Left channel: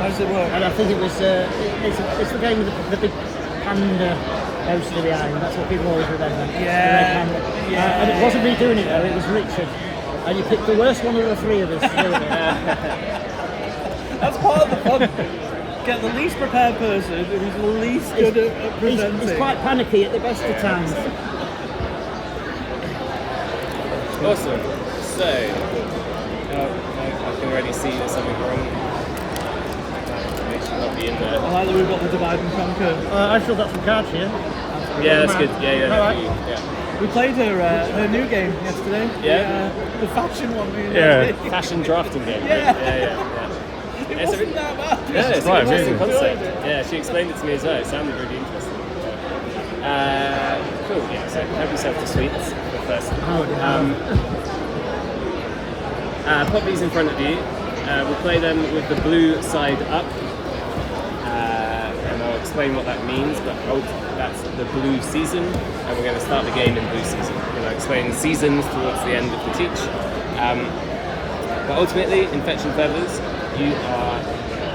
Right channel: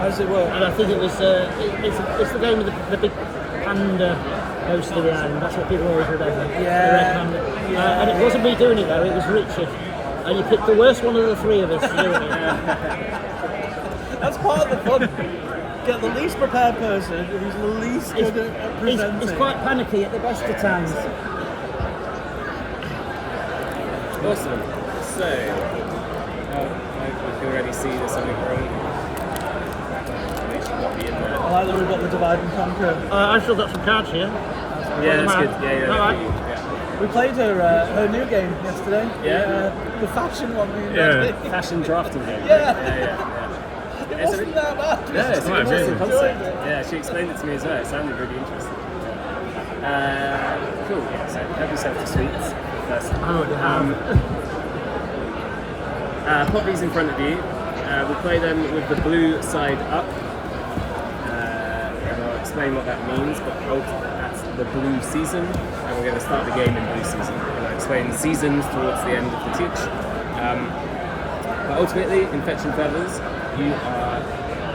How does it work? And I think it was it's the game with the big panda poster behind. That's what people always remember. Yeah. And it wasn't me doing it though. It was Richard. And you picked the worst one of the three of us to do it. That's part of the fun. Get the least prepared person who's the least good at presenting. He's quite panicky at the best of times. Awesome. So, I can already see there's something wrong. It should not be in there. I like that we've got the divide and conquer. I've still got some cards here. Yeah, that's good. Yeah. We played her new game yesterday. Yeah. The faction one. Fashion drafting game. Yeah. Yeah. It wasn't that bad. Yeah, it's an interesting concept. Yeah, she explained it to me as well. It sounded really interesting. Cool. Yeah. So help yourself to sweets first. Pop these in front of you. We'll play them with the blue side up. And I'll explain what that means, but that's the blue season, and we're going to start the game in blue season. And I'll explain seasons towards the end of the teach. But ultimately, in Fetch and Feathers, you are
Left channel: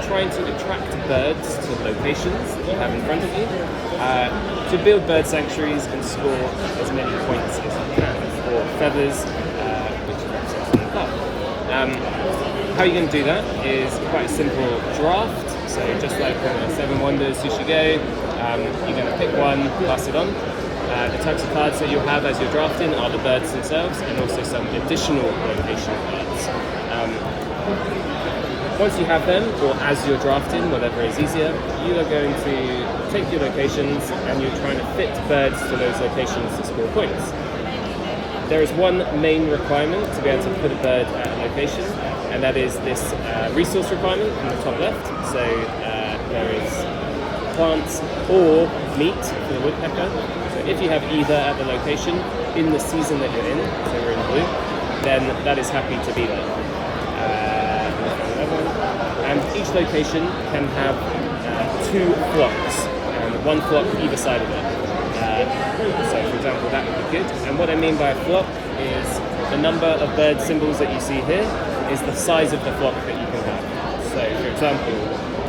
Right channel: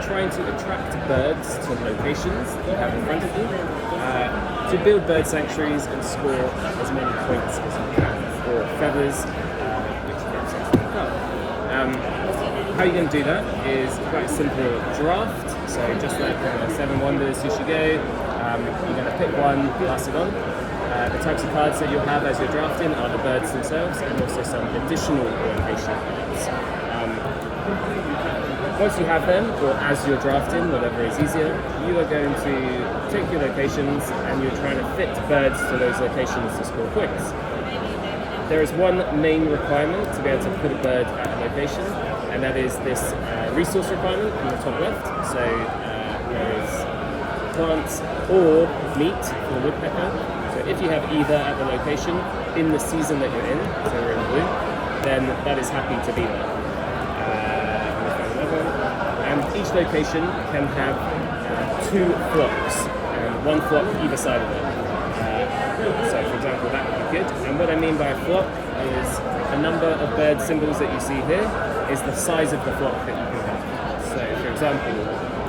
trying to attract birds to locations that you have in front of you, to build bird sanctuaries and score as many points as you can for feathers, which represents the club. How you're going to do that is quite a simple draft. So just like the Seven Wonders Sushi Go, you're going to pick one, pass it on. The types of cards that you'll have as you're drafting are the birds themselves and also some additional location cards. Once you have them, or as you're drafting, whatever is easier, you are going to take your locations and you're trying to fit birds to those locations to score points. There is one main requirement to be able to put a bird at a location, and that is this resource requirement in the top left. So there is plants or meat for the woodpecker. So if you have either at the location in the season that you're in, so we're in blue, then that is happy to be there. And each location can have 2 flocks, and 1 flock either side of it. So for example, that would be good. And what I mean by a flock is the number of bird symbols that you see here is the size of the flock that you can have. So for example,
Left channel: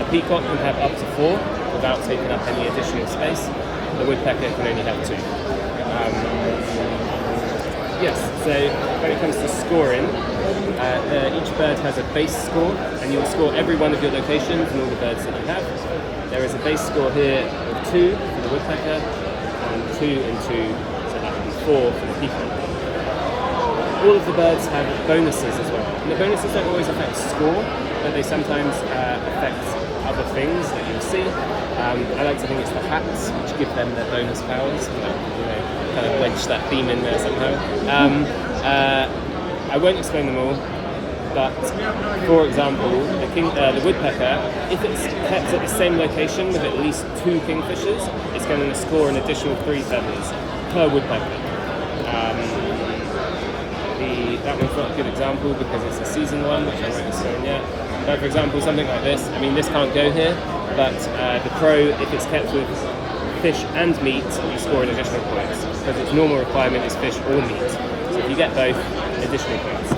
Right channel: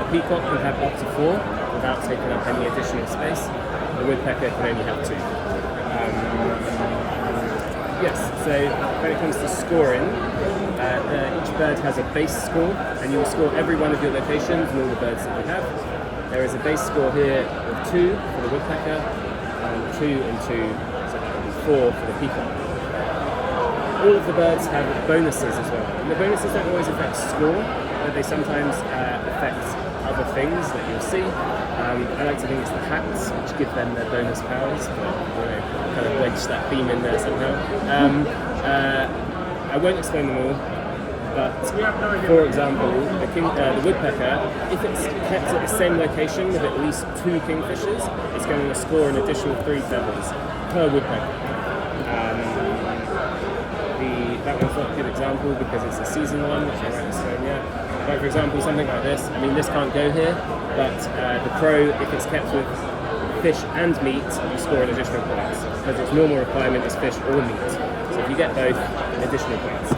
a peacock can have up to 4 without taking up any additional space. The woodpecker can only have 2. Yes, so when it comes to scoring, each bird has a base score, and you will score every one of your locations and all the birds that you have. There is a base score here of 2 for the woodpecker, and 2 and 2, so that would be 4 for the peacock. All of the birds have bonuses as well. And the bonuses don't always affect score, but they sometimes affect other things that you'll see. I like to think it's the hats which give them their bonus powers, but kind of wedge that theme in there somehow. I won't explain them all, but for example, the woodpecker, if it's kept at the same location with at least 2 kingfishers, it's going to score an additional 3 feathers per woodpecker. That one's not a good example because it's a season one, which I won't explain yet. But for example, something like this, I mean this can't go here, but the crow, if it's kept with fish and meat, you score an additional points, because its normal requirement is fish or meat. So if you get both, additional points.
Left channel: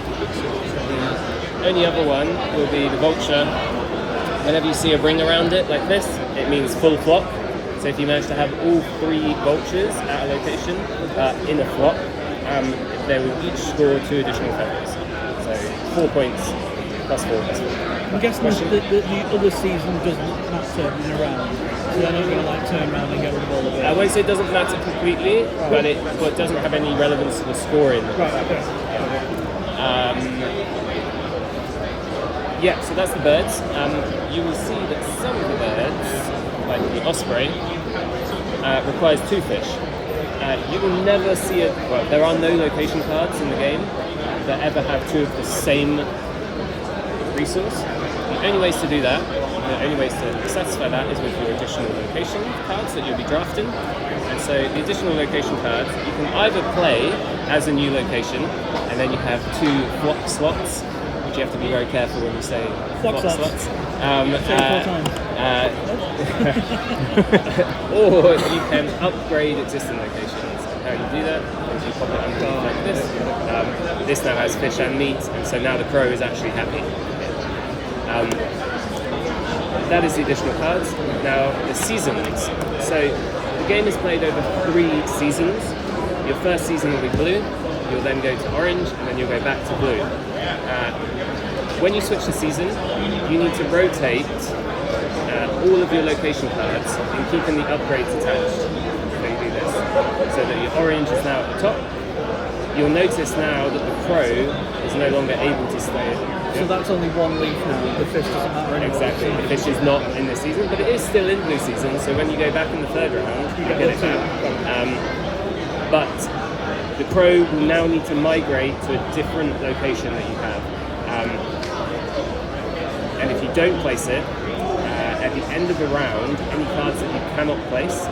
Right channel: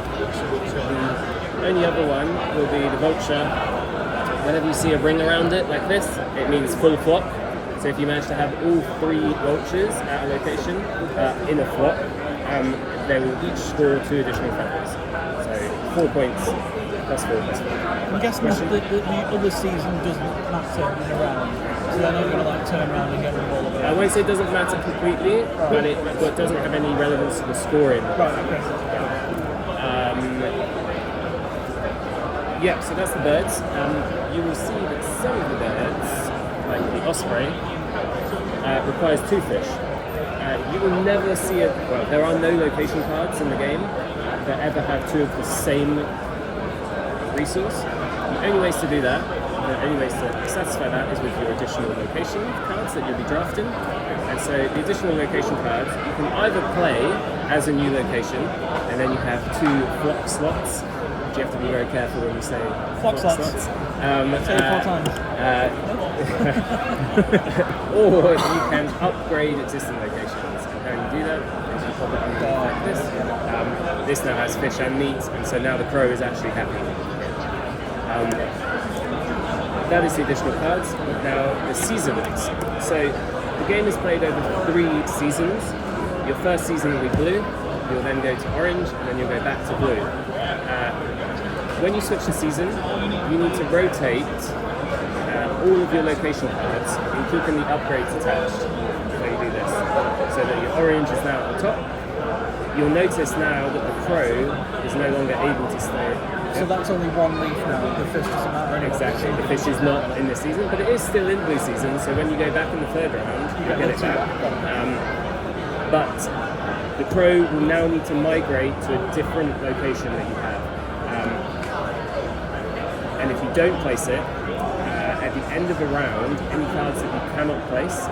The only other one will be the vulture. Whenever you see a ring around it like this, it means full flock. So if you manage to have all 3 vultures at a location in a flock, they will each score 2 additional feathers. So 4 points plus 4 plus 4. I'm guessing the other season doesn't matter in a round, so they're not going to turn around and get rid of all of it. I won't say it doesn't matter completely, but it doesn't have any relevance to the scoring. Right, okay. Yeah, so that's the birds. You will see that some of the birds, like the osprey, requires 2 fish. You will never see there are no location cards in the game that ever have 2 of the same resource. The only ways to do that, the only ways to satisfy that is with your additional location cards that you'll be drafting. And so the additional location cards, you can either play as a new location, and then you have 2 flock slots, which you have to be very careful when you say flock slots. Say it 4 times. Or you can upgrade existing locations. And how you do that is you pop it underneath like this. This now has fish and meat, and so now the crow is actually happy. that is the additional cards. Now, the seasons. So, the game is played over 3 seasons. Your first season will be blue, you'll then go to orange, and then you'll go back to blue. When you switch the season, you need to rotate all of your location cards and keeping the upgrades attached. So you do this. So that your orange is now at the top. You'll notice now that the crow is no longer able to stay. So that's only 1 leaf now. The fish doesn't matter anymore. Exactly. The fish is not in this season, but it is still in blue season. So when you go back in the 3rd round, you get it back. But the crow will now need to migrate to a different location that you have. And if you don't place it, at the end of the round, any cards that you cannot place,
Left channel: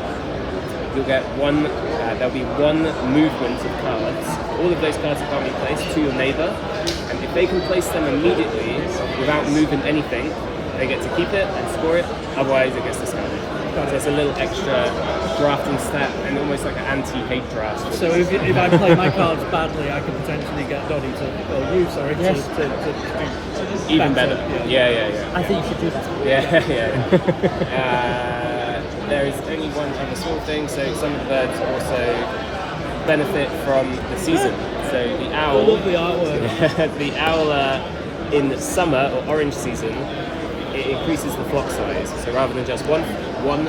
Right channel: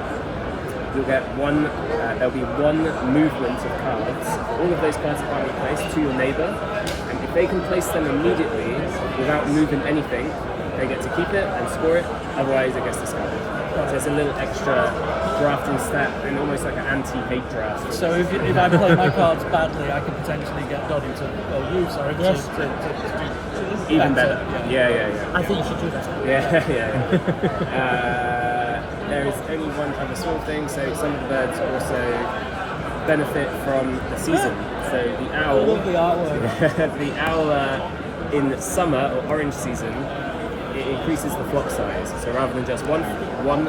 you'll get there'll be 1 movement of cards. All of those cards that can't be placed to your neighbour, and if they can place them immediately without moving anything, they get to keep it and score it, otherwise it gets discarded. So it's a little extra drafting stat and almost like an anti-hate draft. So if I play my cards badly, I could potentially get Doddy to, Yes. to Even better. Yeah. I think you should do that. Yeah. There is only one other small thing, so some of the birds also benefit from the season. So the owl, I love the artwork. the owl in summer or orange season, it increases the flock size. So rather than just one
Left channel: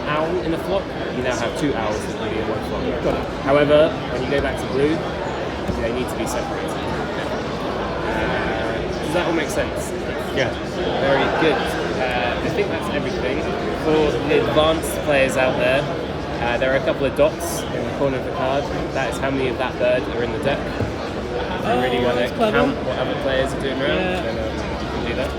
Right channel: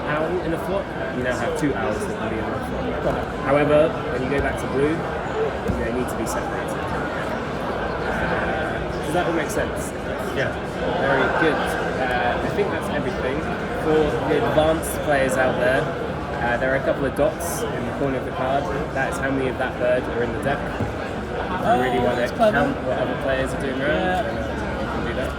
owl in a flock, you now have 2 owls that can be in one flock. However, when you go back to blue, they need to be separated. Does that all make sense? Yeah. Very good. I think that's everything. For the advanced players out there, there are a couple of dots in the corner of the card. That is how many of that bird are in the deck. If you really want to count what other players are doing around, then you can do that.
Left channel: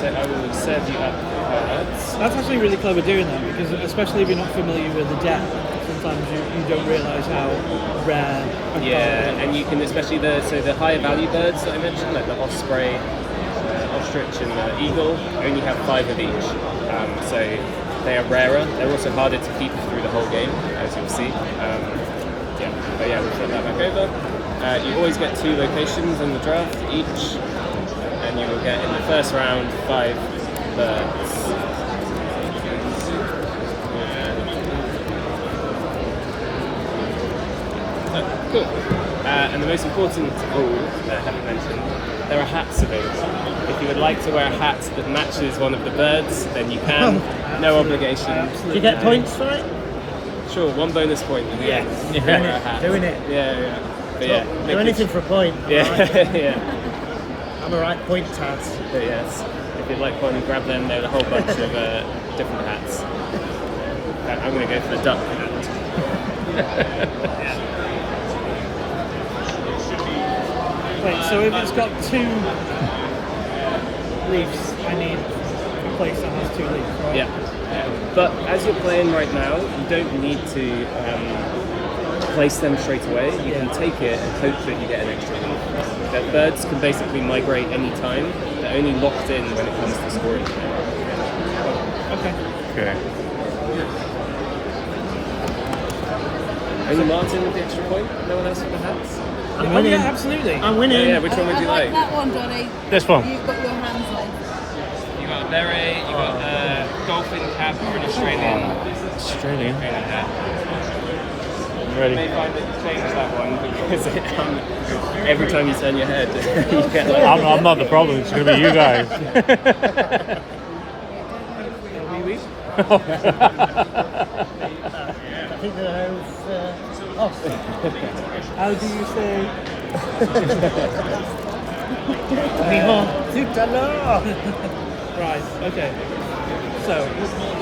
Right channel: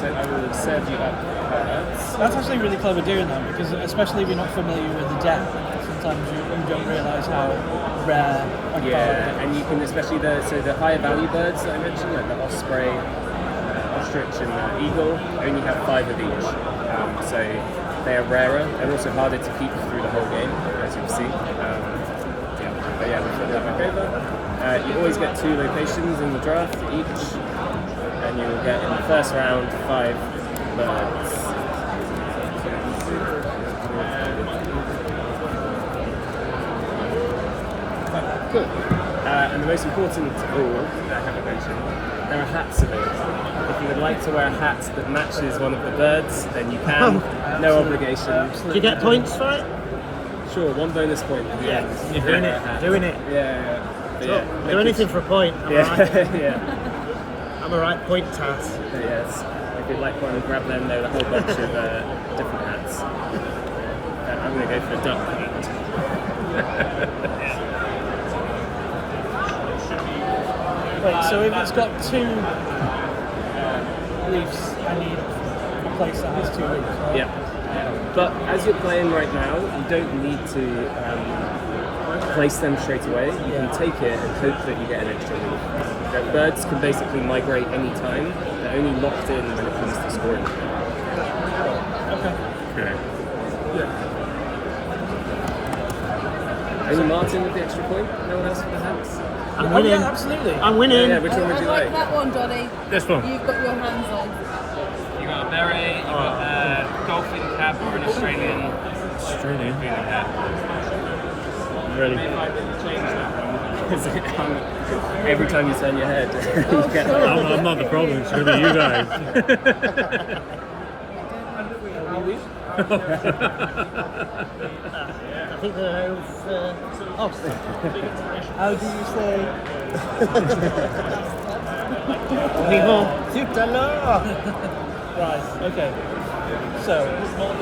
So I will serve you up cards. That's actually really clever doing that, because especially if you're not familiar with the deck, sometimes you don't realise how rare a card is. And you can, especially the higher value birds that I mentioned, like the osprey, ostrich and the eagle, only have 5 of each. So they are rarer. They're also harder to keep through the whole game, as you'll see. We'll flip that back over. You always get 2 locations in the draft each, and you will get in the first round 5 birds. Cool. And the most important of all that I haven't mentioned, there are hats available. If you would like to wear a hat that matches one of the birds, then you can. No obligation. Do you get points for it? Sure, 1 bonus point at the end. Doing it. Yeah. But yeah. Do anything for a point. Yeah. I'm a right point hat. But yes. If you'd like one and grab them, there are a whole bunch of different hats. I'm going to go for the duck hat. Wait, so if it's got 2 leaves, I need a place that has 2 leaves, right? Yeah. But as you're playing right now, you don't need to place them straight away. You can take it and hope that you get an extra leaf. The birds can basically migrate any time. They're only locked in when it comes to scoring. Okay. Only Martin with the extra point? No one else for the hats? I'm winning. Yeah, absolutely. I'm winning. Yeah, which one would I you like like? that one, Johnny. This one. You've got your hands on. You got a beret, you got a dolphin cap or an Australian hat. Ready. Change that one because every time you turn your head, you get I'm not the problem. It's going to be you guys. I think there's How do you say? Right, okay. So,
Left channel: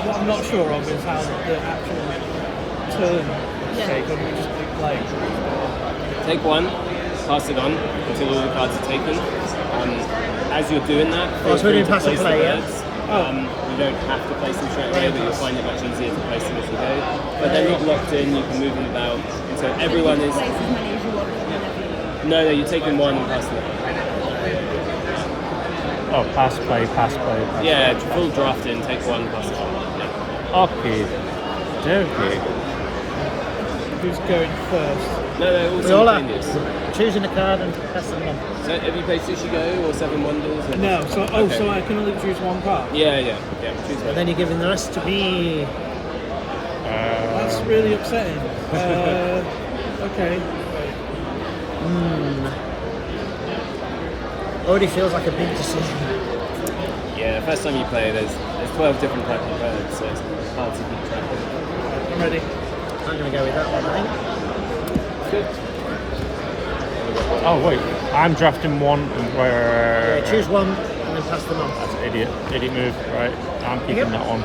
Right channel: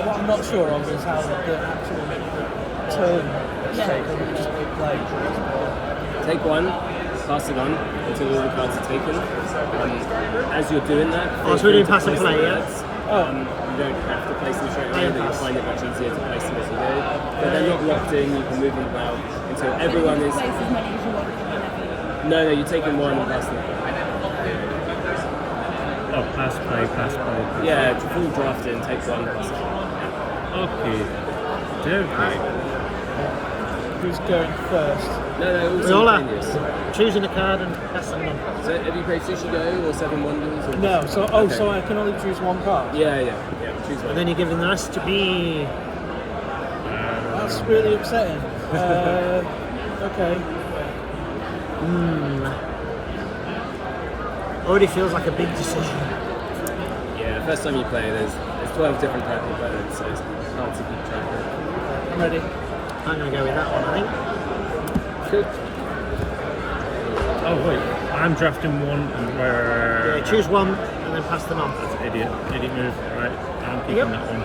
what I'm not sure of is how the actual turn is taken. We just take one, pass it on until all the cards are taken. As you're doing that, so we're doing pass and place the play, yeah? birds. You don't have to place them straight away, but you'll find it much easier to place them as you go. But they're not locked in, you can move them about until everyone is... Place as many as you want whenever you want. No, you're taking one and passing it on. Oh, pass, play. Yeah, full draft in, take one, pass it on. Okay. who's going first? No, all simultaneous. choosing a card and passing none. So have you played Sushi Go or Seven Wonders? Or No, so Okay. so I can only choose one card. Yeah. Choose one. And then you're giving the rest to me. That's really upsetting. Okay. Already feels like a big decision. Yeah, the first time you play, there's 12 different types of birds, so it's hard to keep track of. I'm ready. I'm gonna go with that one, I think. Good. Oh wait, I'm drafting one and where... Yeah, choose one and then pass them on. That's an idiot move, right? I'm keeping that one.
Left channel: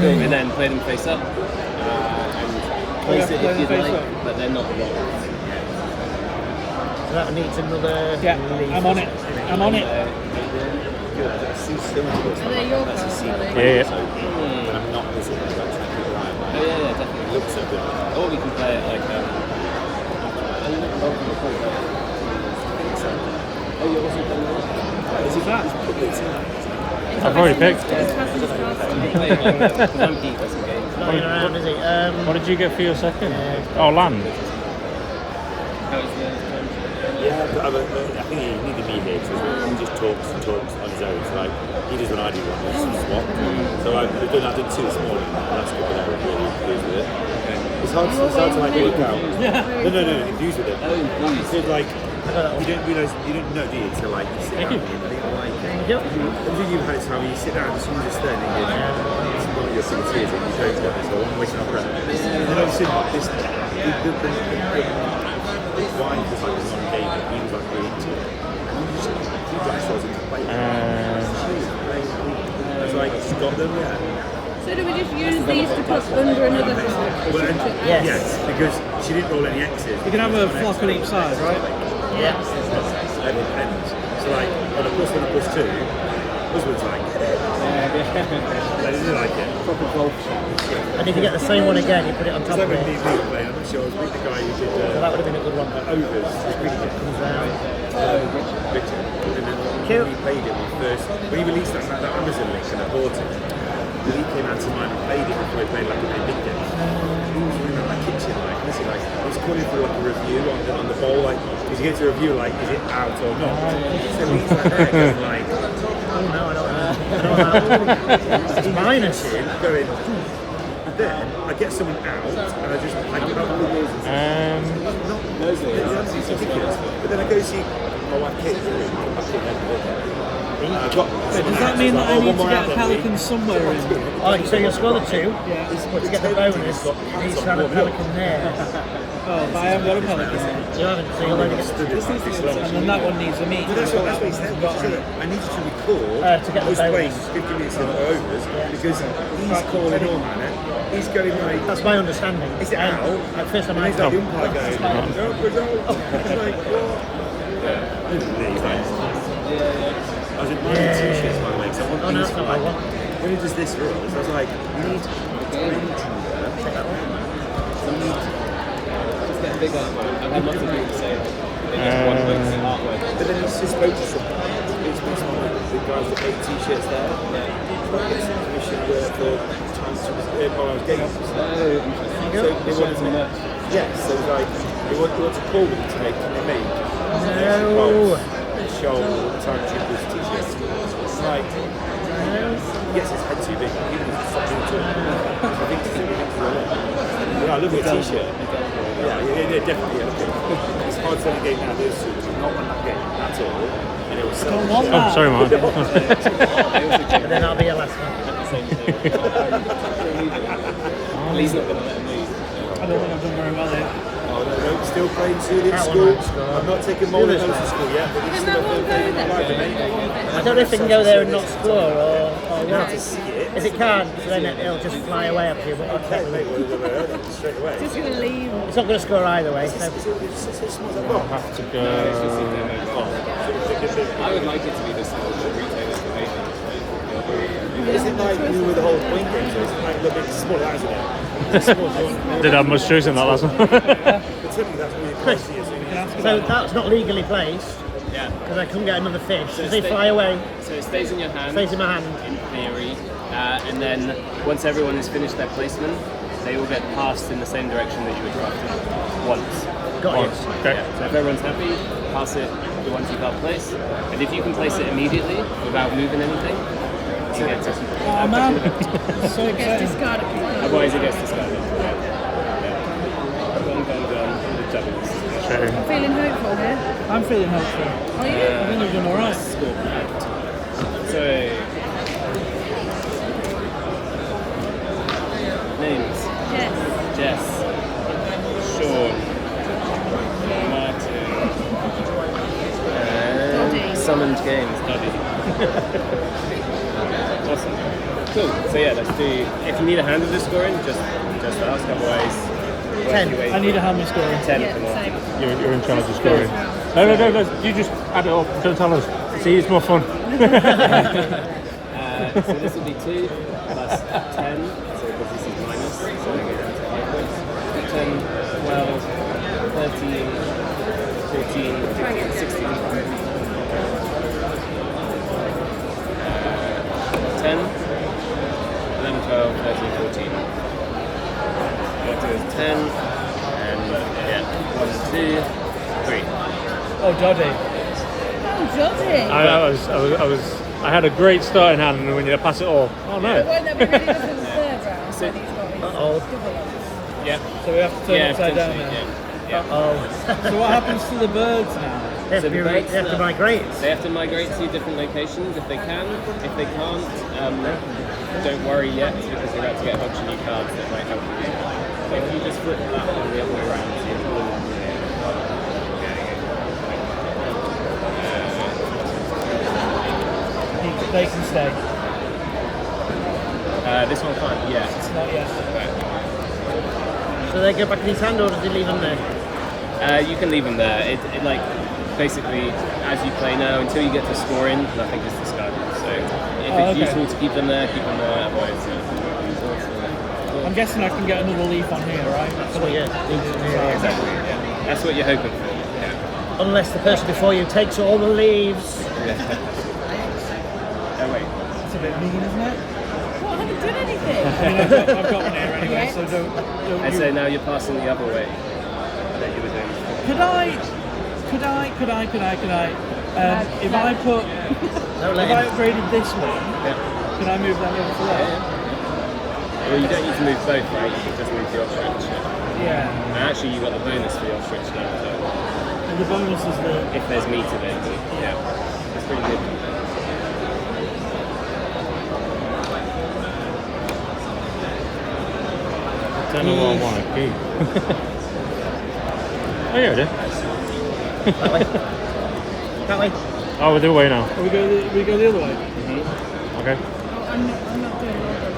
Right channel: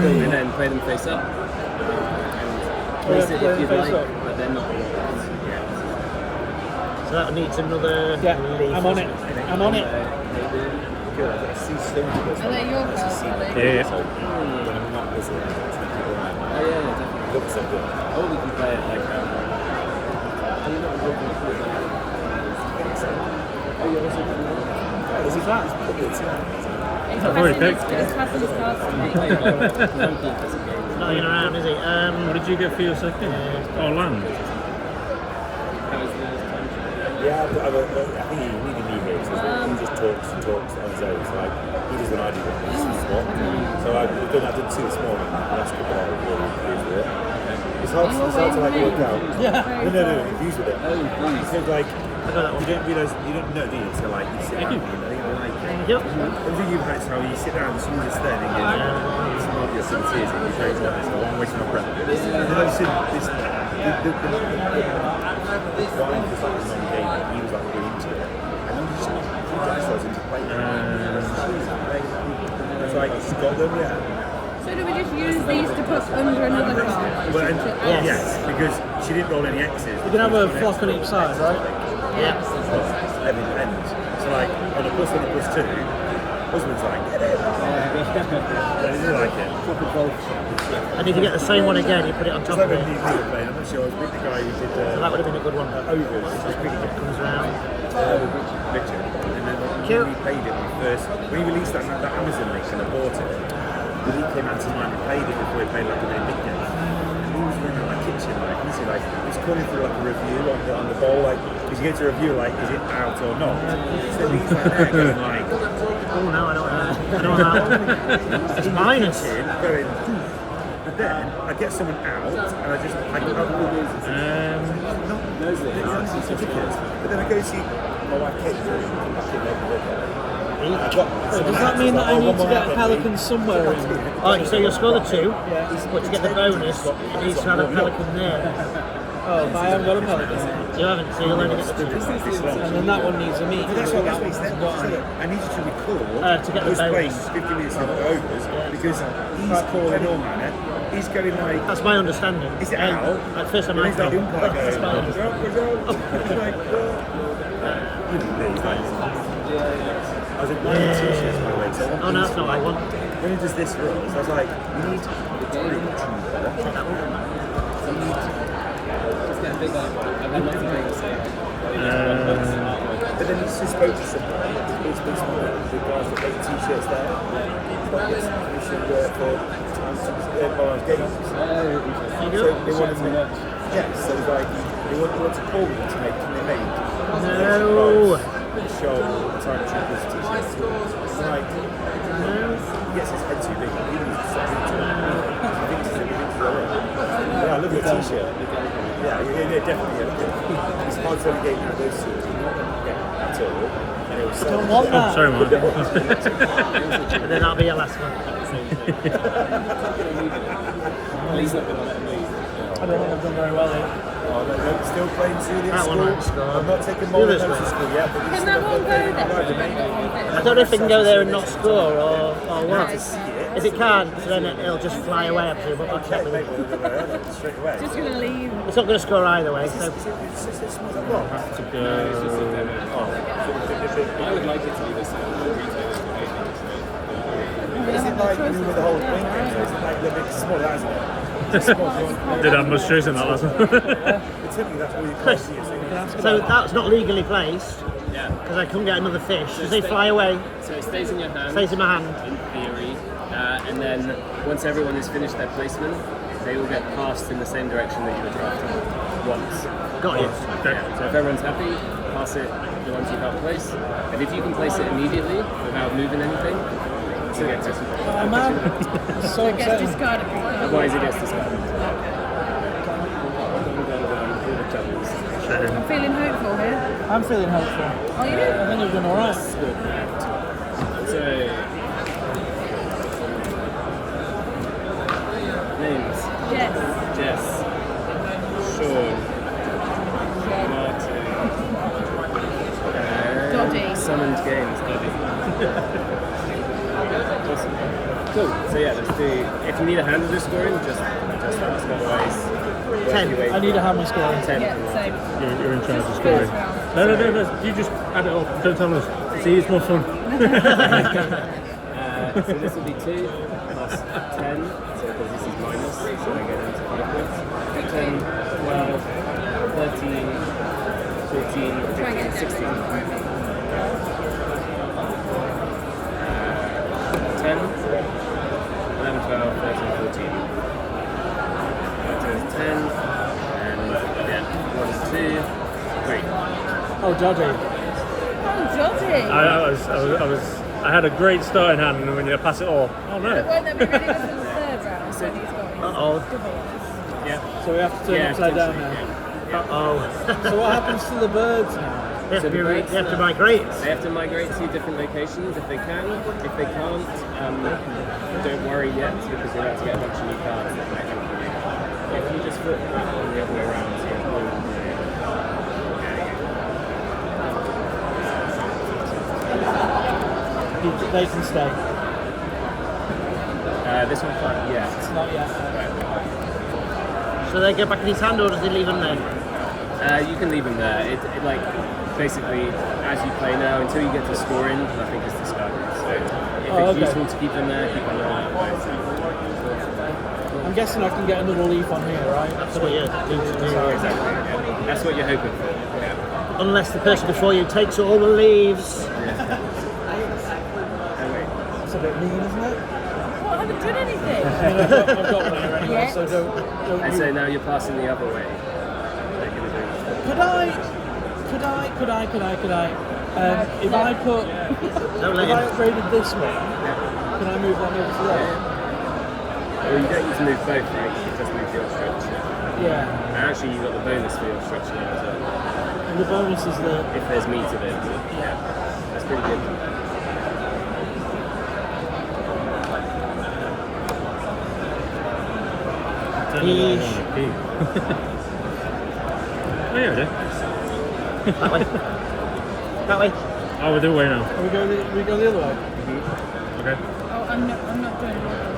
Cool. And then play them face up. And place it play if you'd them face like, up. but they're not locked. So that needs another Yeah, leaf. I'm on it. I'm on it. Good. I see still to this. Are they your cards, are they? Yeah. So I'm not missing it. Actually, keep an eye on Oh it. yeah, definitely. It looks so good. Or we can play it like oh, you're also playing that? Is he that? I've already picked. He's passing his cards to me. I'm keen for some games. Not in around, is it? What did you get for your second? Oh, land. Yeah, but I think he needed me here because he just talks on his own. So like, he does what I do on this swap. So I did two this morning. And that's good, but I was really pleased with it. It's hard to like work out. No, infused with it. Oh, infused. Because like, you don't realise, you don't know, do you, until like you sit down and you think, I like it. Yep. Everything you've had is how you sit down and someone's just there thinking, it's not your sort of tears, you don't want this, so I'm wasting our breath. And then I've seen this, the wine was like non-game, and he was like really into it. And then just, he got ourselves into play. It's like, she's got them, yeah. So do we just use these to put under another card? Well, and, Yes. yes, because she didn't roll any X's. You can have a flock on each side, right? Yeah. And so like, on a plus 1 and a plus 2, husband's like, get it. They didn't like it. Proper golf shot. And if you get the same one again, you put it on It's top like of when it. me were playing, I'm not sure, I was with the guy who did Well, that would have been a good one. Overs, the cricket game. Richard. And then Cute. when we played it, when he released that Amazon link and I bought it, he came out to mine and played it before he played like a really big game. He was running around my kitchen like, he was calling for like a review on the bowl, like, because you get to review like, is it out or not? So he's like there going like, Oh no, I don't know. It's minus. going, then I get someone out and I can't believe it's ridiculous. But then I go see my wife Kate Does that mean that I need to get a pelican somewhere in? Oh, so you'll score the 2, Yeah. but to get the bonus, you need to have a pelican there. Oh, but I haven't got a pelican. You haven't, so you'll never get the And then that one needs a meat. But that's what he said. I needed to record to get the those bonus. plays 50 minutes in overs because he's calling all manner. He's going like, That's my understanding. is it out? At first time And I he's like the umpire going, go. It's like, I was in my t-shirts by the way, so I want Oh, no, these it's not what I want. when he does this for us, I was like, you need the time Just get a big artwork. I've had lots of people say they just want books and artwork. but then he's just spoke to someone, it's been small, the guys that make t-shirts there, but get some commission work for times to borrow games. Oh, interesting. So they wanted to yes, so it was like they want to call them to make they made show time troopers t-shirts. It's like he gets his head too big, he needs to stop doing it. I think it's yeah, I love your t-shirt. Yeah, definitely. Yeah. It's hard selling game university, not on that game at all. And it was so don't want Oh, that. sorry, man. And then that'll be your last one. Well, he's not going to let him leave. I don't think I've done very well here. Oh, no, still playing Julie at That school. one at school. I'm not taking more than those to school yet. But Can that one go there? Can that one I fit? don't know if it can go there and not score or now what. to see it. If it can, then it'll just fly away up to you. But Okay, mate, well, I've never heard that straight away. Just gonna leave. it's not going to score either way. So. It's small like rock. Have to go. I would like it to be this small, but retailers will hate it. Is it like you with the whole point game? So is it like a little bit smaller, isn't it? Did have much choice in that last one. But typically that's all you can see. So that's not legally placed Yeah. because I couldn't get another fish. Does they fly away? So it stays in your hand. Stays in my hand. In theory. And then once everyone has finished their placement, they will get passed in the same direction that you were drafted once. Got it. Okay. Yeah. So if everyone's happy, pass it the ones you can't place. And if you can place it immediately without moving anything, you get to Oh man, so So it gets exciting. discarded. Otherwise it gets discarded. Go, all the jugglers. I'm feeling hopeful here. I'm feeling hopeful. Are you? I think you've done alright. That's good. So, names. Yes. Jess, Sean, Yeah. Martin, and Doddy. Summoned Games, Doddy. Awesome. Cool. So yeah, let's do. If you need a hand of the scoring, just ask. Otherwise, work your way I need a through. hammer scoring. 10. Yeah, Come on. same. You're in charge of scoring. First round. No. You just add it up. Don't tell us. See, it's more fun. So this will be 2 plus 10. So because this is minus, so I go down to 5 points. 10, 12, 13, 14, 15, 16. 10, 11, 12, 13, 14. That is 10, and yeah, 1, 2, 3. Oh, Doddy. Oh, Joddy. I had a great starting hand, and when you pass it all, oh But no. won't that be really good for the third round when he's got his Uh-oh. double ups? Yeah. So we have to turn it upside down potentially, now. yeah. Oh. So what happens to the birds now? They have So to, the birds they have to now- migrate. They have to migrate to different locations if they can. If they can't, don't worry yet because you're about to get a bunch of new cards that might help you. If you just flip that one the other way around, so it's all in here. They can stay. This one can't yet. Not yet. So they go back in his hand, or does he leave them there? You can leave them there. It like basically as you play now until you get to scoring, nothing is discarded. So if it's useful to keep them there, keep them there. Otherwise, I'm guessing I can get another leaf on here, right? So yeah, leave them there. exactly. Yeah. That's what you're hoping for. Yeah. Unless the person before you takes all the leaves. Oh wait. That's a bit mean, isn't it? What? I haven't done anything. I mean, I've got one here anyway, Yeah. so don't And you... so now you're passing the other way. Like you were doing. Could I? If I put, No if lane. I upgraded this one, Yeah. can I move that over to there? Well, you don't need to move both, right? You just move the off-switch. Yeah. And actually, you got the bonus for the off-switch now as well. And the bonus is the. If there's meat available. Yeah. That's pretty good. I don't know what I want to keep. Oh, yeah, we do. That way. That way. Oh, we're the way now. We go the other way. Okay. Oh, I'm not doing all of them.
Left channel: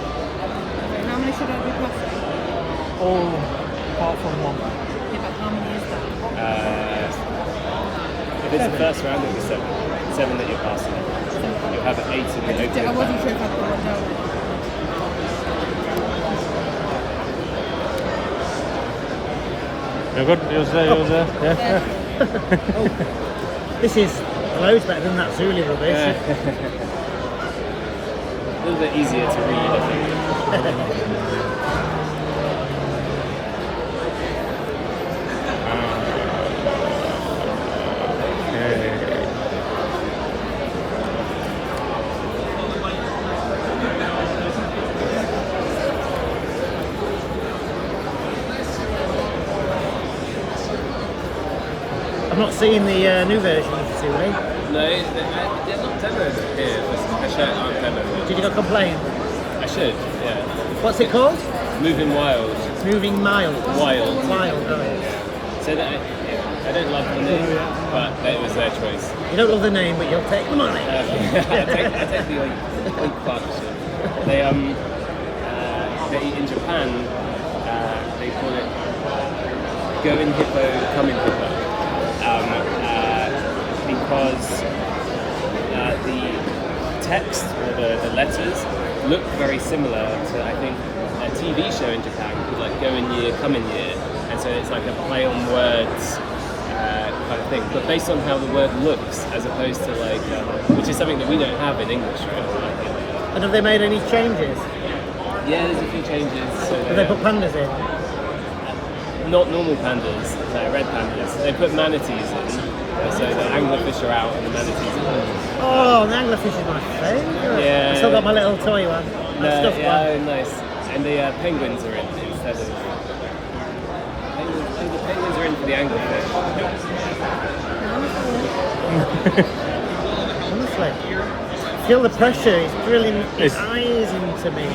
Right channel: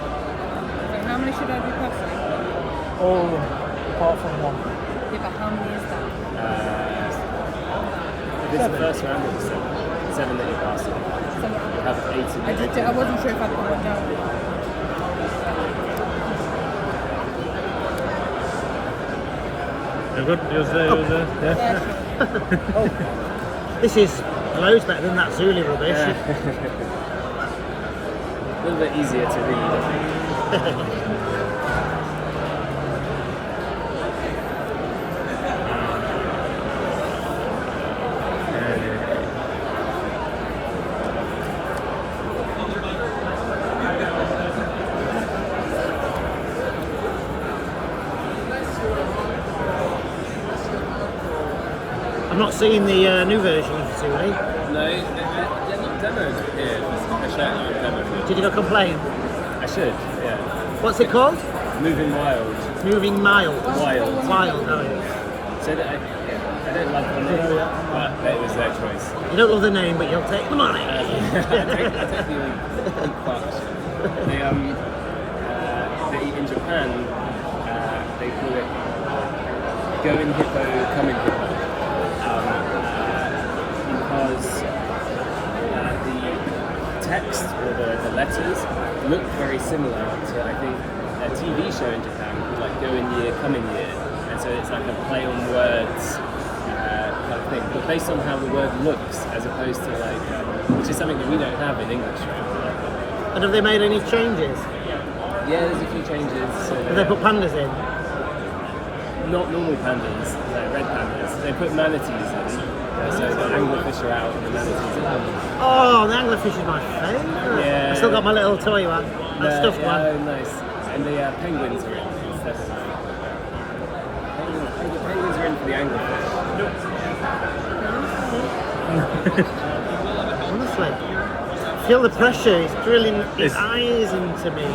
Wait, how many should I be passing? All apart from one. Yeah, but how many is that? If it's the first round, it'll be 7. 7 that you're passing. You'll have 8 in the I wasn't sure if I put one down. You're good? Yours there? Yeah? Yeah, sure. Oh, this is loads better than that Zulu rubbish. A little bit easier to read, I think. I'm not seeing the new version of Zulu. No, they're not demoed here. I should aren't demoed. Did you not complain? I should, yeah. What's it called? Moving Wild. Moving Miles. Wild. Wild. So that I don't love the name, but it was their choice. You don't love the name, but you'll take the money. I take the old partnership. They in Japan they call it going hippo, coming hippo, because the text or the letters look very similar to I think a TV show in Japan called like Go in Year, Come in Year, and so it's like a play on words kind of thing, but based on how the word looks as opposed to like which is something that we don't have in English, right? And have they made any changes? Yeah, there's a few changes. So Have they put pandas in? not normal pandas, like red pandas. They put manatees in, so the anglerfish are out and the manatees are in. Oh, the anglerfish is my favourite. Yeah. I still got my little toy one. No, Stuffed yeah, one. oh, nice. And the penguins are in instead of. The penguins are in for the anglerfish. Honestly. Feel the pressure, he's drilling his eyes into me.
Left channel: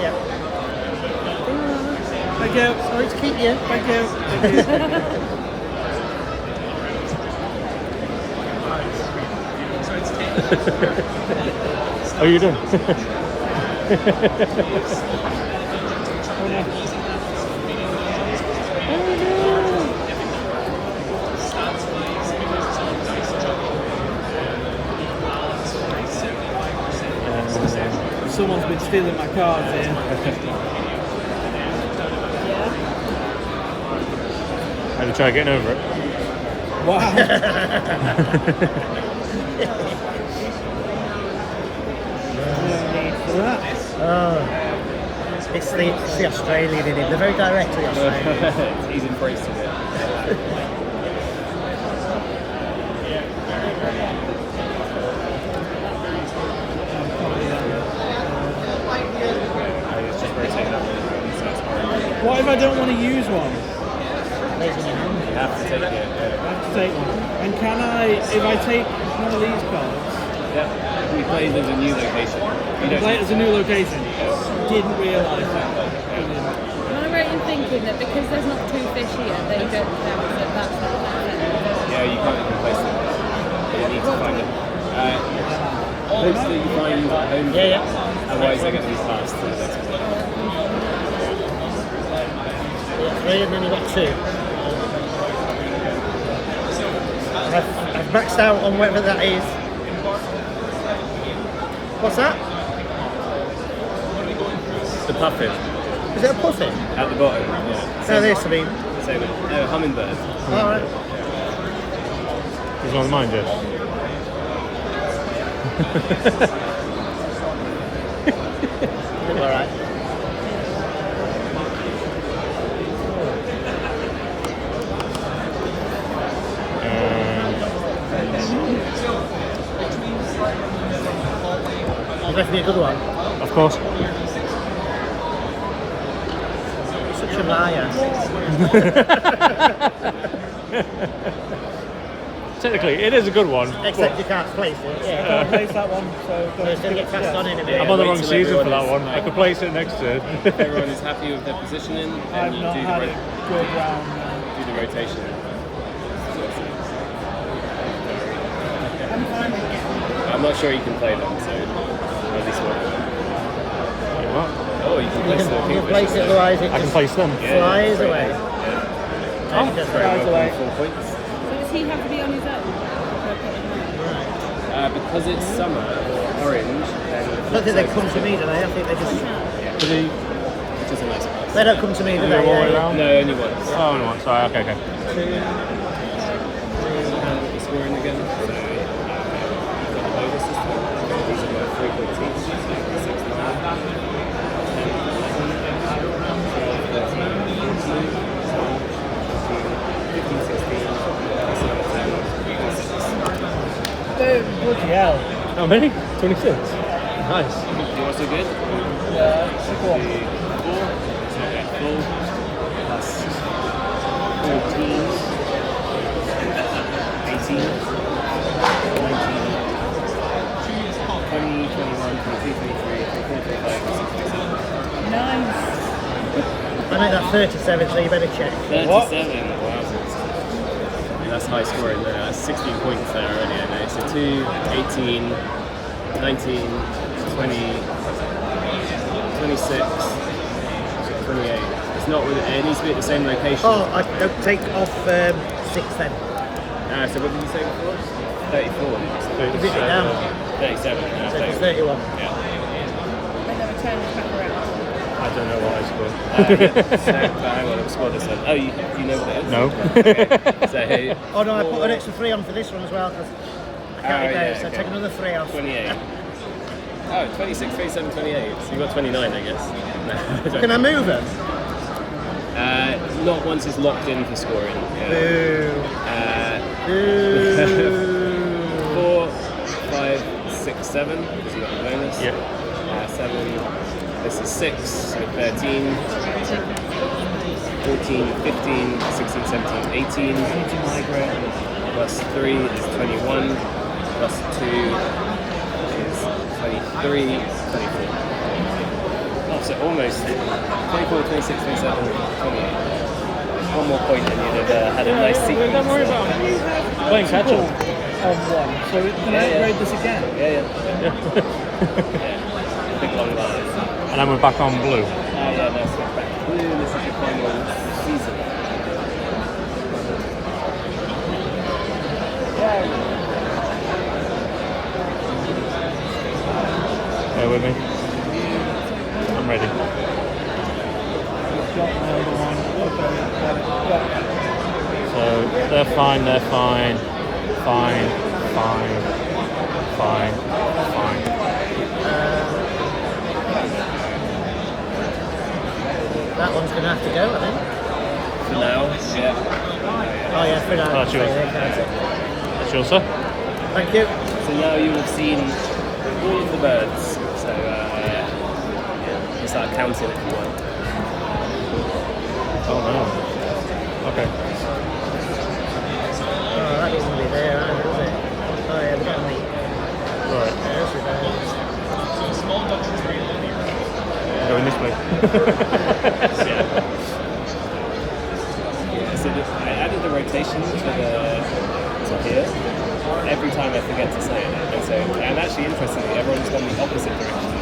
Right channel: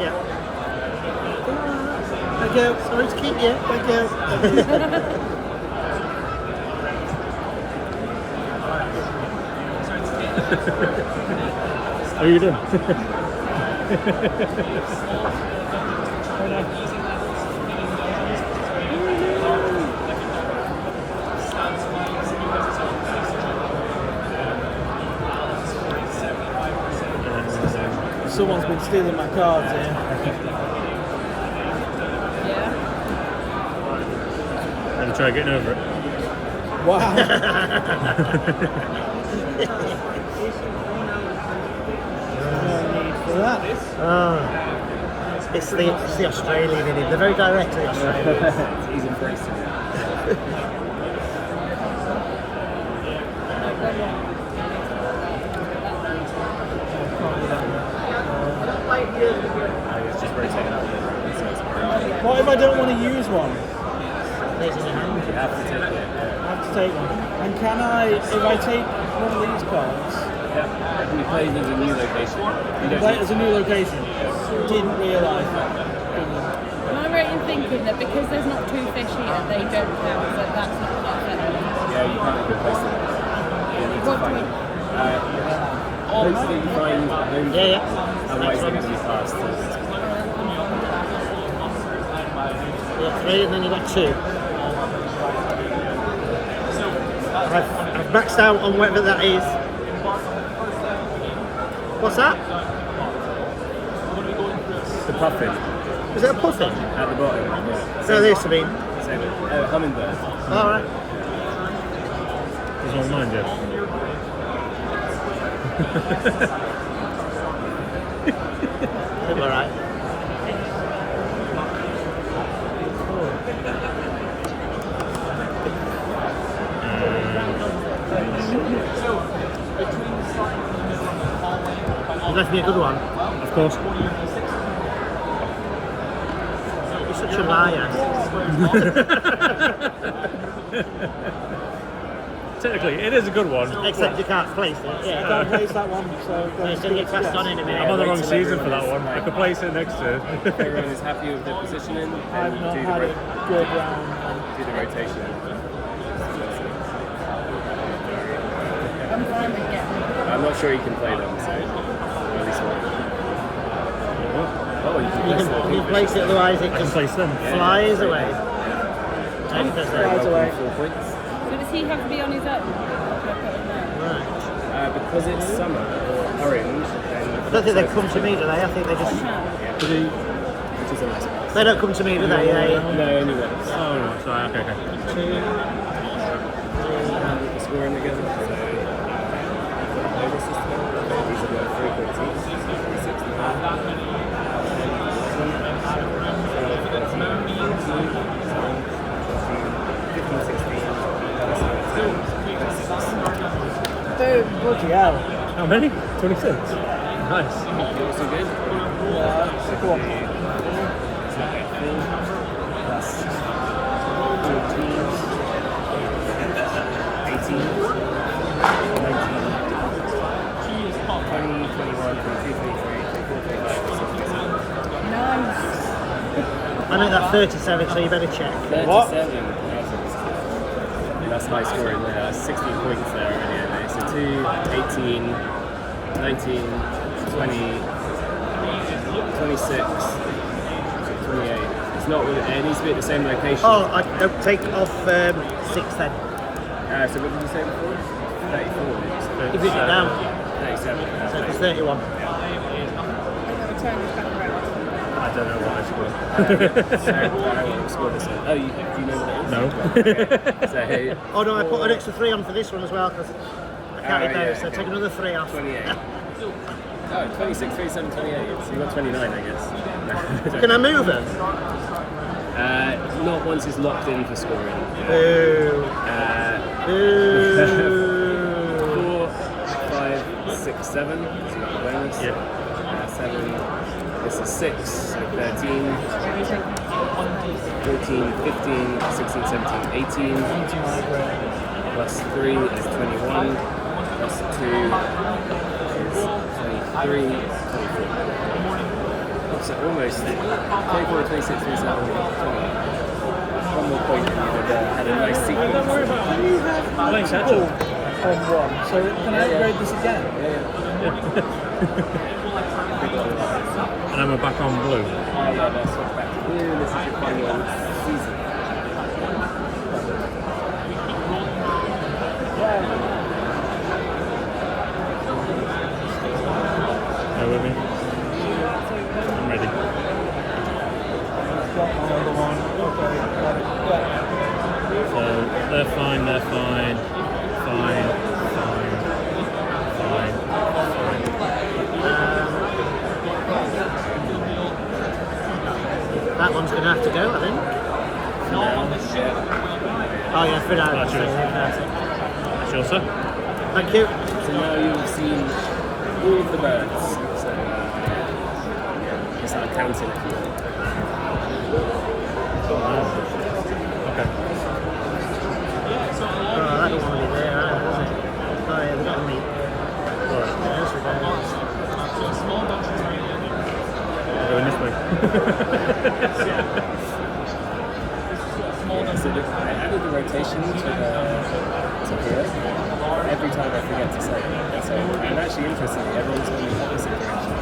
Yeah. Thank you. Sorry to keep you. Thank you. How are you doing? Someone's been stealing my cards here. Yeah. Have you tried getting over it? Wow. No need for that. Oh. It's the Australian in him. They're very directly Australian. He's embracing it. It's just rotating up. What if I don't want to use one? You have to take it. I have to take one. And can I, if I take one of these cards, Yeah. We played as a new location. You don't play it as a new location? Didn't realise that. Am I right in thinking that because there's not two fish here, they don't count, that that's not perfect? Yeah, you can't even place them. You need to find them. Hopes that you find home. Yeah. Otherwise they're going to be passed to the next one. Yeah, 3 and then you got 2. I've maxed out on whatever that is. What's that? The puffin Is it a puffin? at the bottom. Yeah. Yeah, this I mean. Same. Hummingbird. Alright. He's on mine, Jeff. Alright. You left me a good one. Of course. You're such a liar. Technically, it is a good one. Except you can't place it. I Yeah. can't place that one, so Yeah, it's going to get cast on anyway. I'm on the wait wrong till season for everyone that is one. I like- could place it next to it. If everyone is happy with their positioning, I've then you not do had a good round. do the rotation. I'm fine with getting I'm not sure you can play them, so at least one. Oh, you can You place them. can place it, otherwise it I can just place them. flies away. Very Flies away. welcome 4 points. So does he have to be on his own? Because it's summer or orange, then I don't think they come to me, do they? I think they just... which is a nice pass. They don't come to me, do All they? the way Yeah, around? No, only once. Oh, no, sorry, okay. The scoring again. So you've got the bonus system. These are like 3 points each. 6, 9, 10, 11, 12, 13, 14, 15, 16, 17, 10. Boom, bloody hell. How many? 26. Nice. You also good? Yeah, sick one. 4, okay, 4 plus 14, 18, 19, 20, 21, 22, 23, 24, 25, 26, 27. Nice. I'm at that 37, so you better check. 37. Wow. That's high scoring there. That's 16 points there already, I know. So 2, 18, 19, 20, 26, 28. It's not with it needs to be at the same location. Oh, I'll take off 6 then. So what did you say before? 34. Did you say? You bring it down. 37. So it's 31. I'm going to turn this back around. I don't know what I scored. So, hang on, I'll score this one. Oh, you know what it is? No. Okay. So, hey, Oh no, I put an extra 3 on for this one as well. Cause I counted Oh, there, yeah, so okay. take another 3 off. 28. Oh, 26, 27, 28. So you got 29, I guess. Can I move them? Not once it's locked in for scoring. Boo. 4, 5, 6, 7. Because you got the bonus. Yeah. 7. This is 6, so 13. 14, 15, 16, 17, 18. Plus 3 is 21. Plus 2 is 23, 24. Oh, so almost 24, 26, 27, 28. One more point and you'd have had a nice sequence. Playing catch up on 1. So can I upgrade this again? Yeah. Big long line. And then we're back on blue. Yeah, that's back to blue. This is your final season. Bear with me. I'm ready. Got another one. Okay. So they're fine. Fine. That one's going to have to go, I think. No, yeah. Oh yeah, for now. That's yours. That's yours, sir. Thank you. So now you have seen all of the birds. So just start counting if you want. Oh, no. Okay. Oh, that wasn't really there, was it? Oh yeah, we got meat. Right. Going this way. Yeah, so I added the rotation to here. Every time I forget to say it. And so, and actually interestingly, everyone's gone the opposite direction.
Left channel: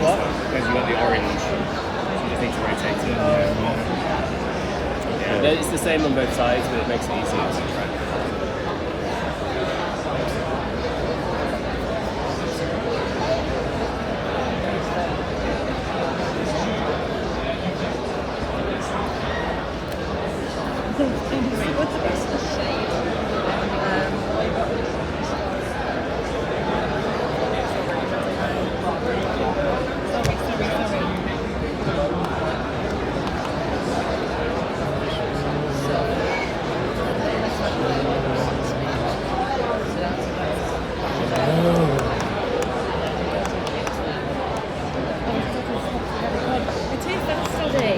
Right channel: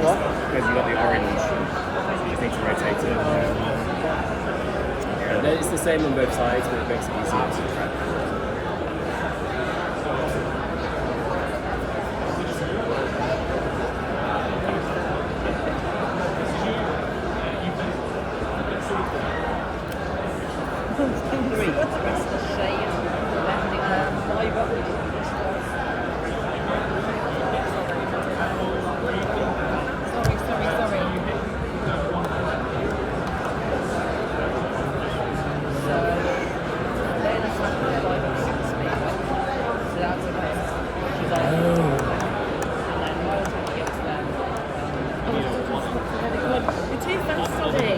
What? Because you got the orange, I think to rotate it. Yeah, it's the same on both sides, but it makes it easier to track. Sorry. It is that study.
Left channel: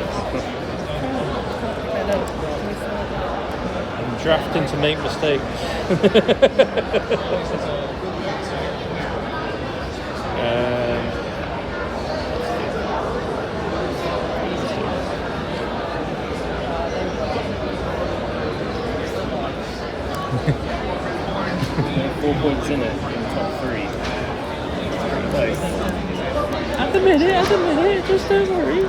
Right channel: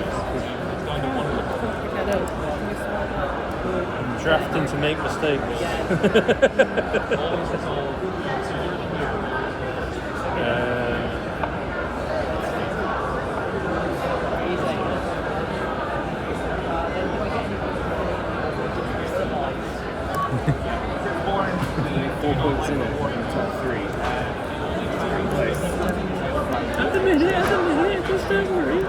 I'm drafting to make mistakes. Only 4 points in it in the top 3. Close. At the minute, just don't worry.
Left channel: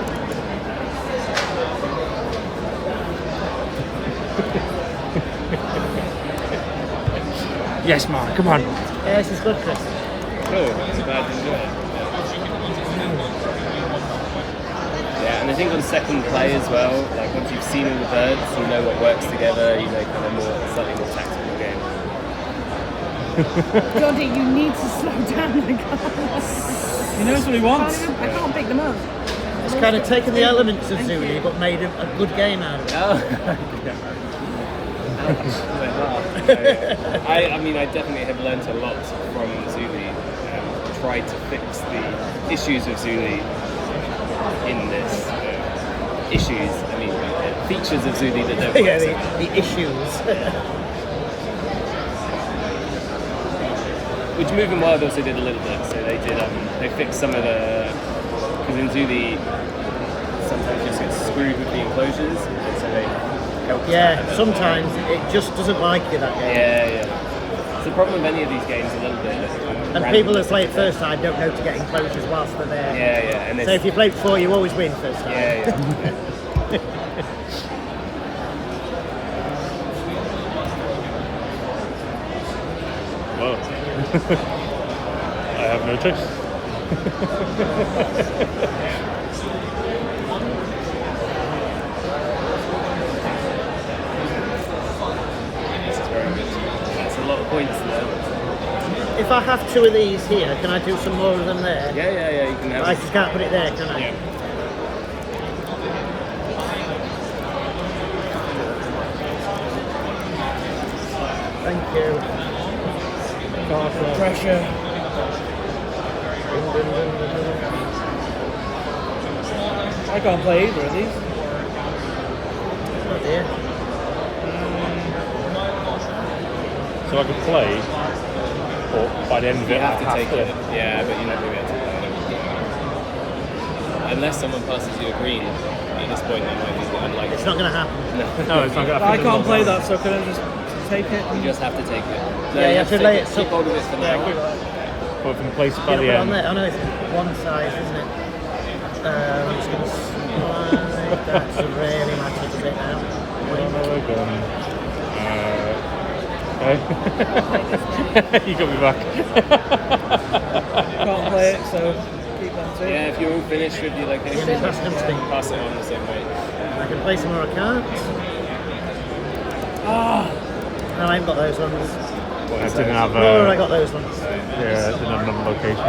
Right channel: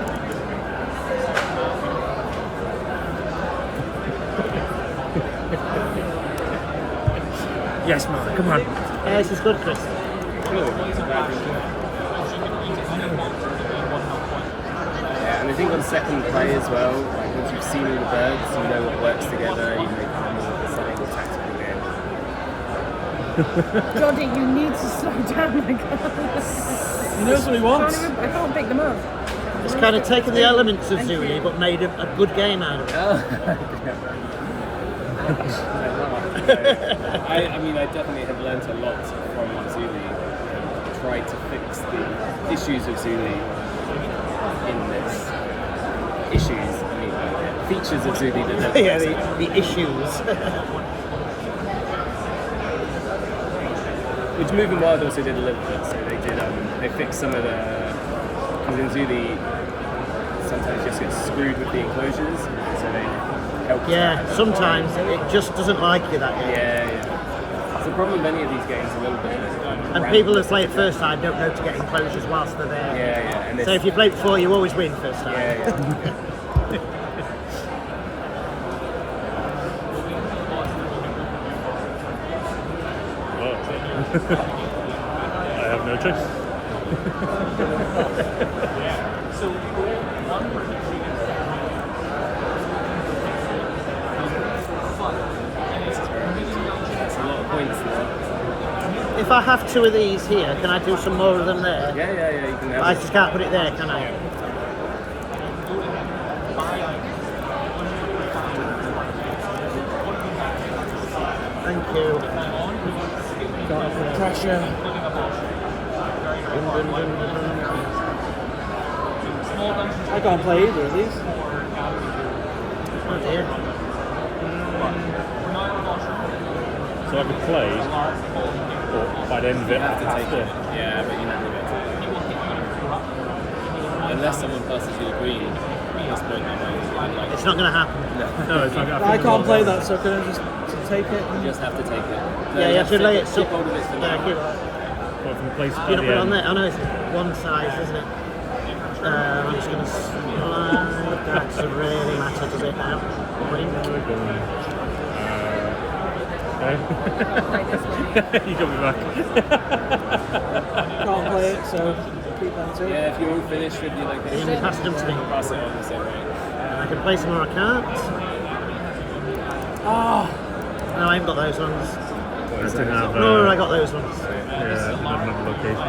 Yes, Mark, come on. Yeah, this is good, Chris. Good, it's about to enjoy it. Yeah, and I think on second play as well, like once you've seen all the birds, you know what works together, you know kind of more, slightly more tactical game. Doddy, you need to slow down. I can't. He knows what he wants. I can't pick them up. It's kind of taken the elements of Zulu, but made a good game out of it. Oh. I mean, I definitely have learnt a lot from Zuli. Tried to fix the issues of Zuli in this. Issues, I mean, features of Zuli that don't Yeah, work. the issues. Which Moving Wild also did a little bit. So they did, they fixed some of the, because in Zuli, sometimes you just get screwed with the enclosures, and so they help. Yeah, sometimes it just doesn't like you, that game. Yeah. It's the problem with many of these games a little bit. And people that play it first time don't know to get enclosures whilst they're there. Yeah. And So if you play it before, you always win first time. Yeah. Well, I have no choice. That's a lot of points there. If I have 2 of these here, can I do some more of them there? Yeah, you can have I it. just can't put it there, can I? Thank you. Pressure. I can't play either of these. Oh dear. So I could play, but by the end of You it, have to take it. Yeah, but you're not going to be able to play it. Unless someone passes you a green at this point, then might be unlikely. It's not going to happen. No, it's not going to I can't play that, so can I just take it? You just have to take it. No, Yeah, you have to lay it. Keep hold of it for Yeah, now. keep But from place by Get the it on end. there. I know it's one size, isn't it? It's going to slide. That's really matter, does it? No, we're gone. Okay. You got me back. Can't play it, so keep them too. Yeah, if you're all finished with your location, Yeah, pass them to me. pass it on the same way. I can play some more accounts. Ah, No, I ain't got those ones. I didn't have. No, I got those ones. Yeah, I didn't have another location.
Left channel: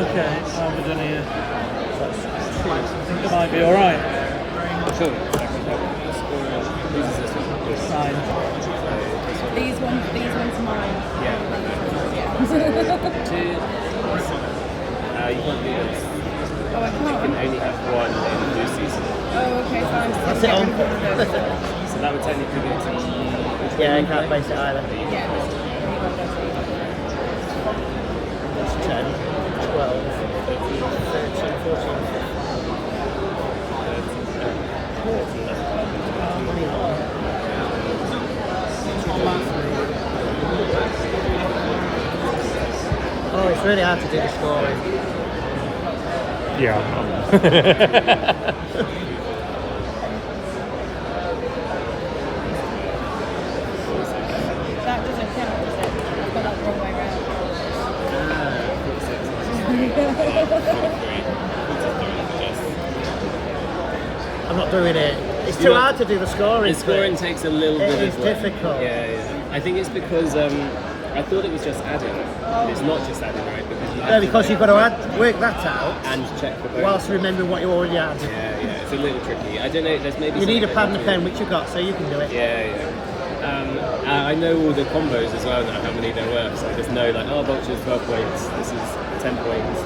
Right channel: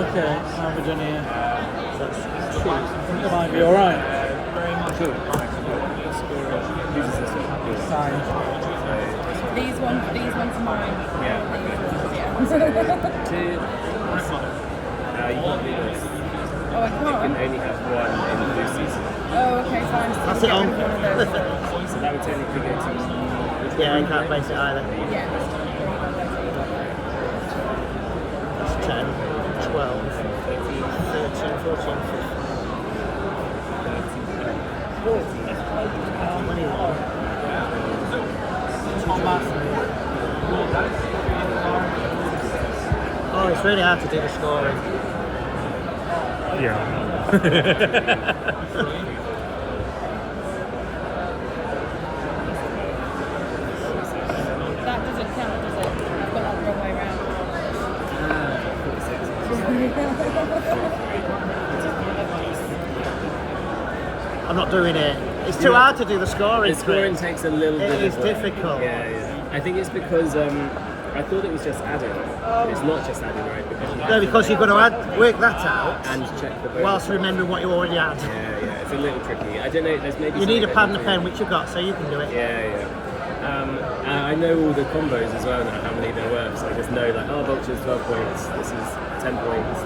okay, how have we done here? I think it might be alright. Cool. Whose is this one? Yours. Fine. These ones are mine. Yeah. These ones, yeah. Two. You can't do this. Oh, I You can can't. only have one in blue season. Oh, okay, fine. So That's get it rid on. of one of those. So that would technically go to which Yeah, one I you can't play? place it either. Yeah. There you go, there you go. It's 10, 12, 13, 14, 21. Oh, it's really hard to do the scoring. Yeah. That doesn't count, does it? I've got that the wrong way around. 46. I'm not doing it. It's too hard to do the scoring. The scoring takes a little It bit is of work. difficult. Yeah. I think it's because I thought it was just adding. It's not just adding, right? Because you have Yeah, to, because like, you've got to work that out and check the bonus. whilst remembering what you already had. Yeah, it's a little tricky. I don't know. There's maybe You need a something pad and a that pen, you which you've got, so you can do it. Yeah. I know all the combos as well now, how many there were. So I just know like, oh, Vulture's 12 points. This is 10 points.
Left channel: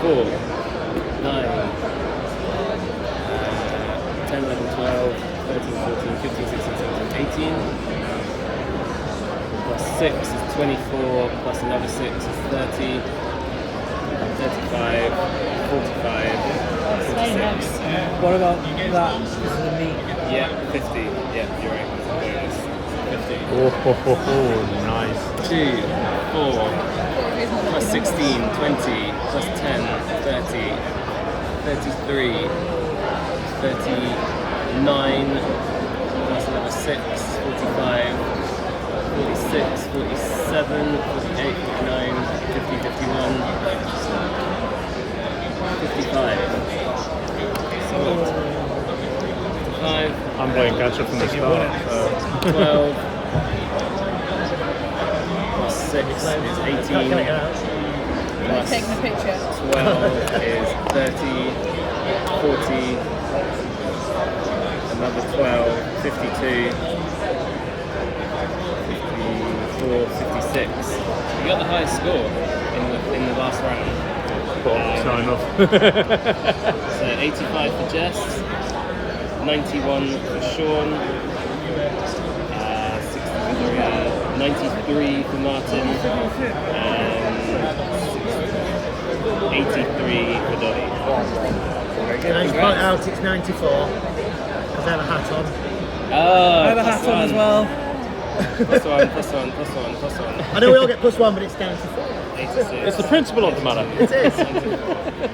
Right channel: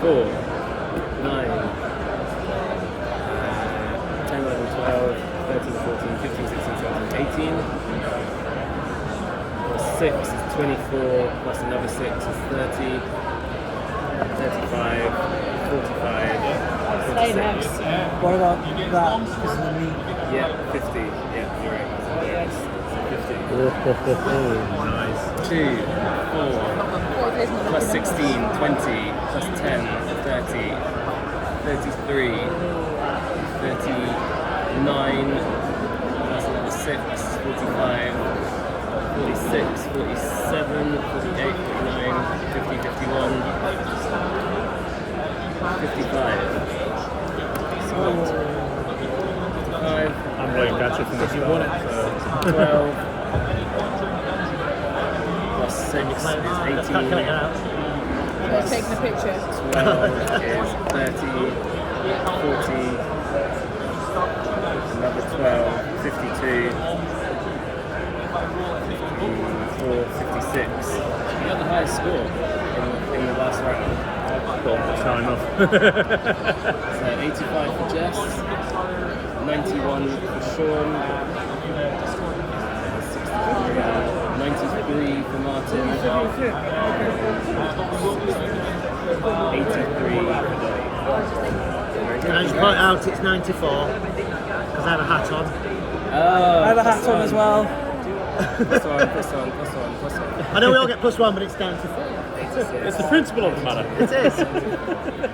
4, 9, 10, 11, 12, 13, 14, 15, 16, 17, 18. Plus 6 is 24, plus another 6 is 30, 35, 45, 46. What about that? This is the meat. Yeah, 50. Yeah, you're right. There it is. 50. Oh, nice. 2, 4, plus 16, 20, plus 10, 30, 33, 39, plus another 6, 45, 46, 47, 48, 49, 50, 51, 55. So 55. I'm playing catch up in this one. 12 plus 6 is 18 plus Taking a picture. 12 is 30 40 another 12 52 54 56. You got the highest score in the last round. Sign off. So 85 for Jess, 91 for Sean, 93 for Martin, and 83 for Dolly. Very Can I just good. point out it's 94? Because I have a hat on. Oh, I have a hat on as well. Plus one, plus one, plus one, plus one. I know we all get +1, but it's down to 86. It's the principle of the matter. It is.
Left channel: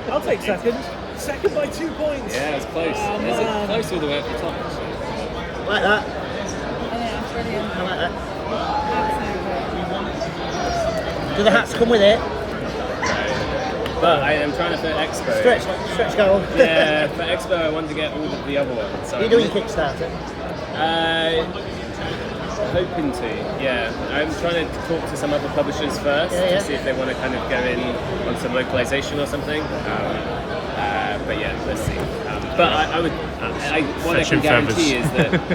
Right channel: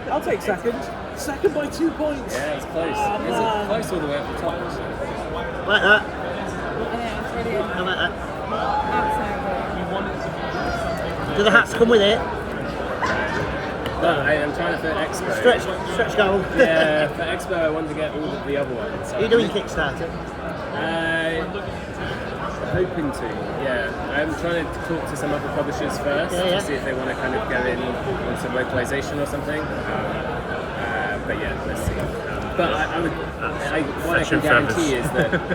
I'll take second. Second by 2 points. Yeah, it's close. Oh, Is man. it close all the way up the top? Actually? Like that. Yeah, it's brilliant. I like that. Absolutely. Do the hats come with it? But I am trying to for Expo. Stretch goal. Yeah, for Expo I want to get all of the other ones. So You're doing Kickstarter. Hoping to, yeah. I'm trying to talk to some other publishers first Yeah. to see if they want to kind of go in on some localization or something. But yeah, let's see. But what I can Fetching guarantee feathers. is that